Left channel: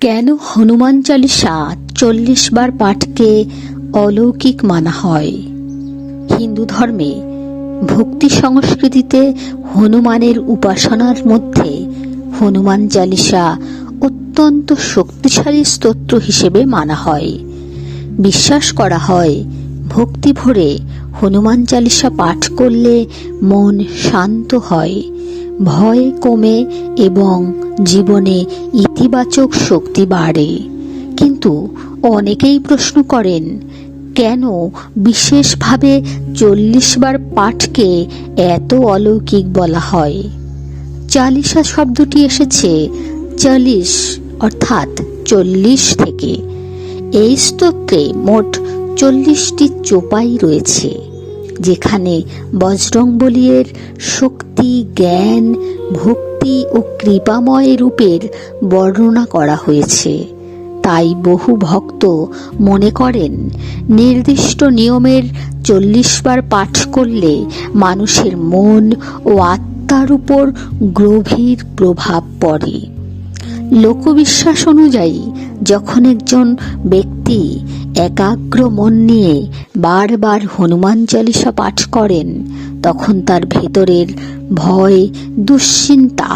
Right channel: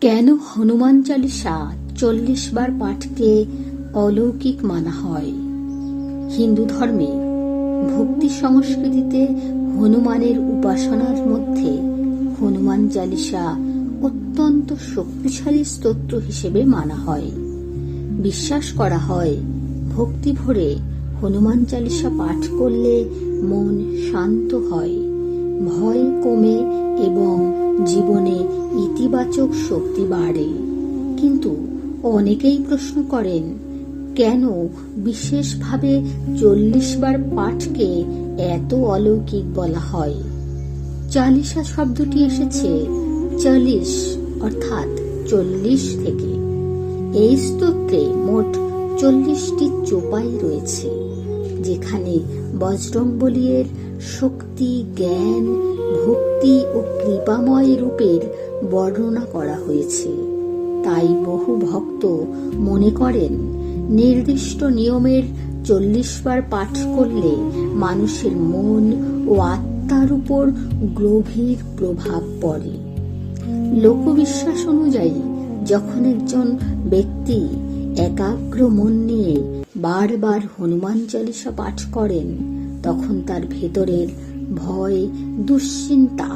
কেন হনুমান চালিসা 40 বার পাঠকে অলৌকিক মানা হয়? হিন্দু ধর্মে ভক্তি সংস্কৃতিতে হনুমানের উপাসনার মধ্যে হনুমান চালিসা অত্যন্ত শক্তিশালী স্তোত্র হিসেবে মানা হয়। বিশ্বাস করা হয় ভক্তি ভরে হনুমান চালিসা পাঠ করলে মন শান্ত হয়, ভয় কমে এবং জীবনে ইতিবাচক শক্তি বাড়ে। কিন্তু অনেকেই প্রশ্ন করেন, কেন বিশেষভাবে 40 বার পাঠকে এত অলৌকিক বলা হয়? চালিসা শব্দটি এসেছে 40 অর্থাৎ 40 থেকে। এই স্তোত্রে মোট 40টি চোপাই রয়েছে, যেখানে বজরংবলীর শক্তি, জ্ঞান, ভক্তি ও কৃপাময় রূপের বর্ণনা করা হয়েছে। তাই বহু ভক্ত মনে করেন নির্দিষ্ট নিয়মের 40 বার পাঠ করলে মানুষের মন ও আত্মার উপর গভীর প্রভাব পড়ে। লোকবিশ্বাস অনুযায়ী যখন একজন ব্যক্তি একাগ্র মন নিয়ে বারবার হনুমান চালিসা পাঠ করেন, তখন তার ভেতরের ভয়, দুশ্চিন্তা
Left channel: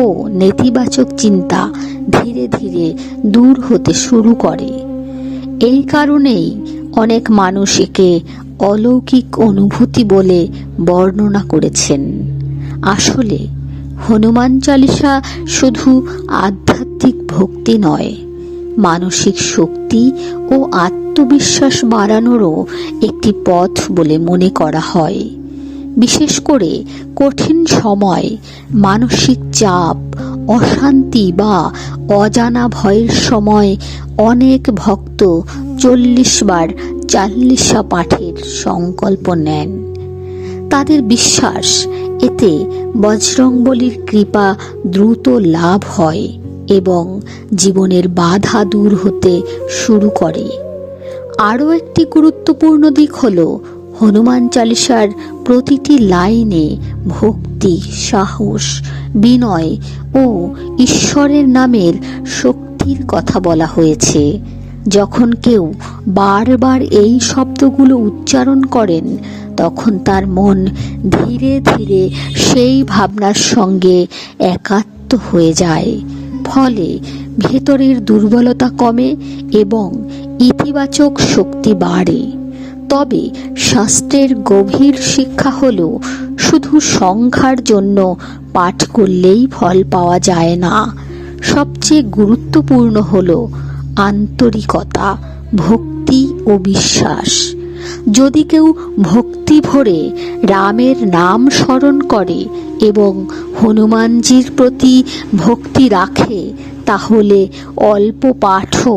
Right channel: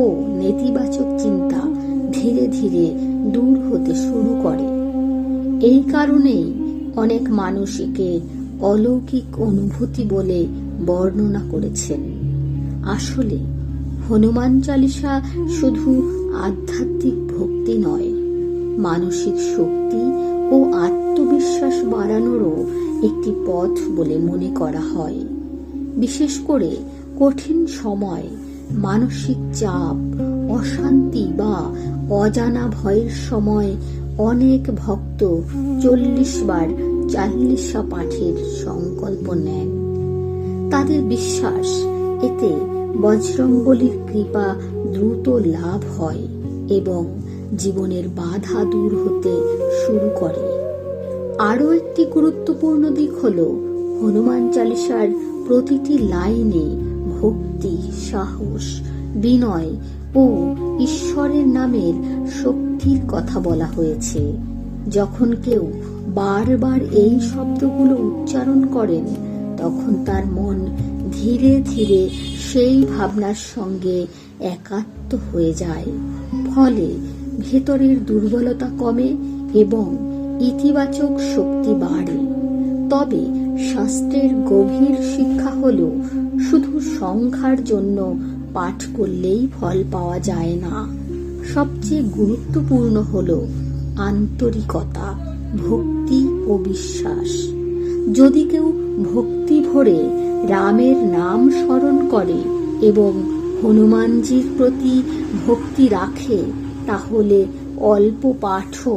ও নেতিবাচক চিন্তা ধীরে ধীরে দূর হতে শুরু করে। এই কারণেই অনেক মানুষ একে অলৌকিক অনুভূতি বলে বর্ণনা করেছেন। আসলে হনুমান চালিসা শুধু আধ্যাত্মিক ভক্তি নয়, মানসিক শক্তি ও আত্মবিশ্বাস বাড়ানোরও একটি পথ বলে মনে করা হয়। বিশেষ করে কঠিন সময়, মানসিক চাপ, অশান্তি বা অজানা ভয়ের সময় অনেক ভক্ত 40 বার চালিসা পাঠের সংকল্প নেন। তাদের বিশ্বাস এতে বজরংবলীর কৃপা দ্রুত লাভ হয় এবং জীবনের বাধা দূর হতে শুরু করে। আরও একটি গুরুত্বপূর্ণ দিক হল হনুমান চালিসার প্রতিটি লাইনে ভক্তি, সাহস, বিনয় ও ঈশ্বরের নামের শক্তির কথা বলা হয়েছে। যখন কেউ বারবার এই শব্দগুলো উচ্চারণ করেন, তখন তার মন ধীরে ধীরে সেই ভাবনার সঙ্গে একাত্ম হয়ে যায়। ফলে ভেতরের দুর্বলতা কমে এবং ইতিবাচক শক্তি বাড়ে। তবে শাস্ত্রের গভীর শিক্ষা হল, শুধু সংখ্যার জন্য পাঠ করলেই ফল পাওয়া যায় না। সবচেয়ে গুরুত্বপূর্ণ হল আন্তরিকতা, ভক্তি ও বিশ্বাস। যদি কেউ ভক্তি ভরে রামের নাম স্মরণ করে এবং হনুমানজির প্রতি ভক্তি রাখে, তাহলে অল্প পাঠও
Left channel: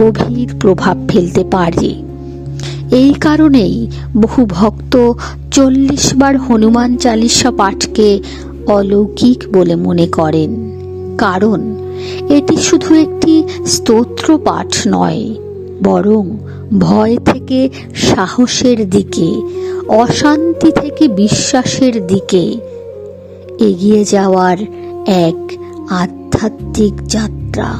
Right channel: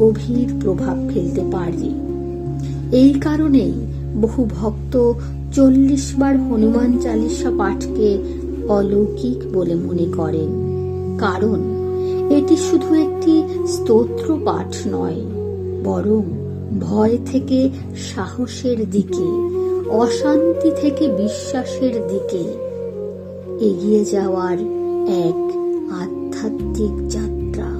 গভীর প্রভাব ফেলতে পারে। এই কারণেই বহু ভক্ত 40 বার হনুমান চালিসা পাঠকে অলৌকিক বলে মনে করেন। কারণ এটি শুধু একটি স্তোত্র পাঠ নয়, বরং ভয় থেকে সাহসের দিকে, অশান্তি থেকে বিশ্বাসের দিকে এগিয়ে যাওয়ার এক আধ্যাত্মিক যাত্রা।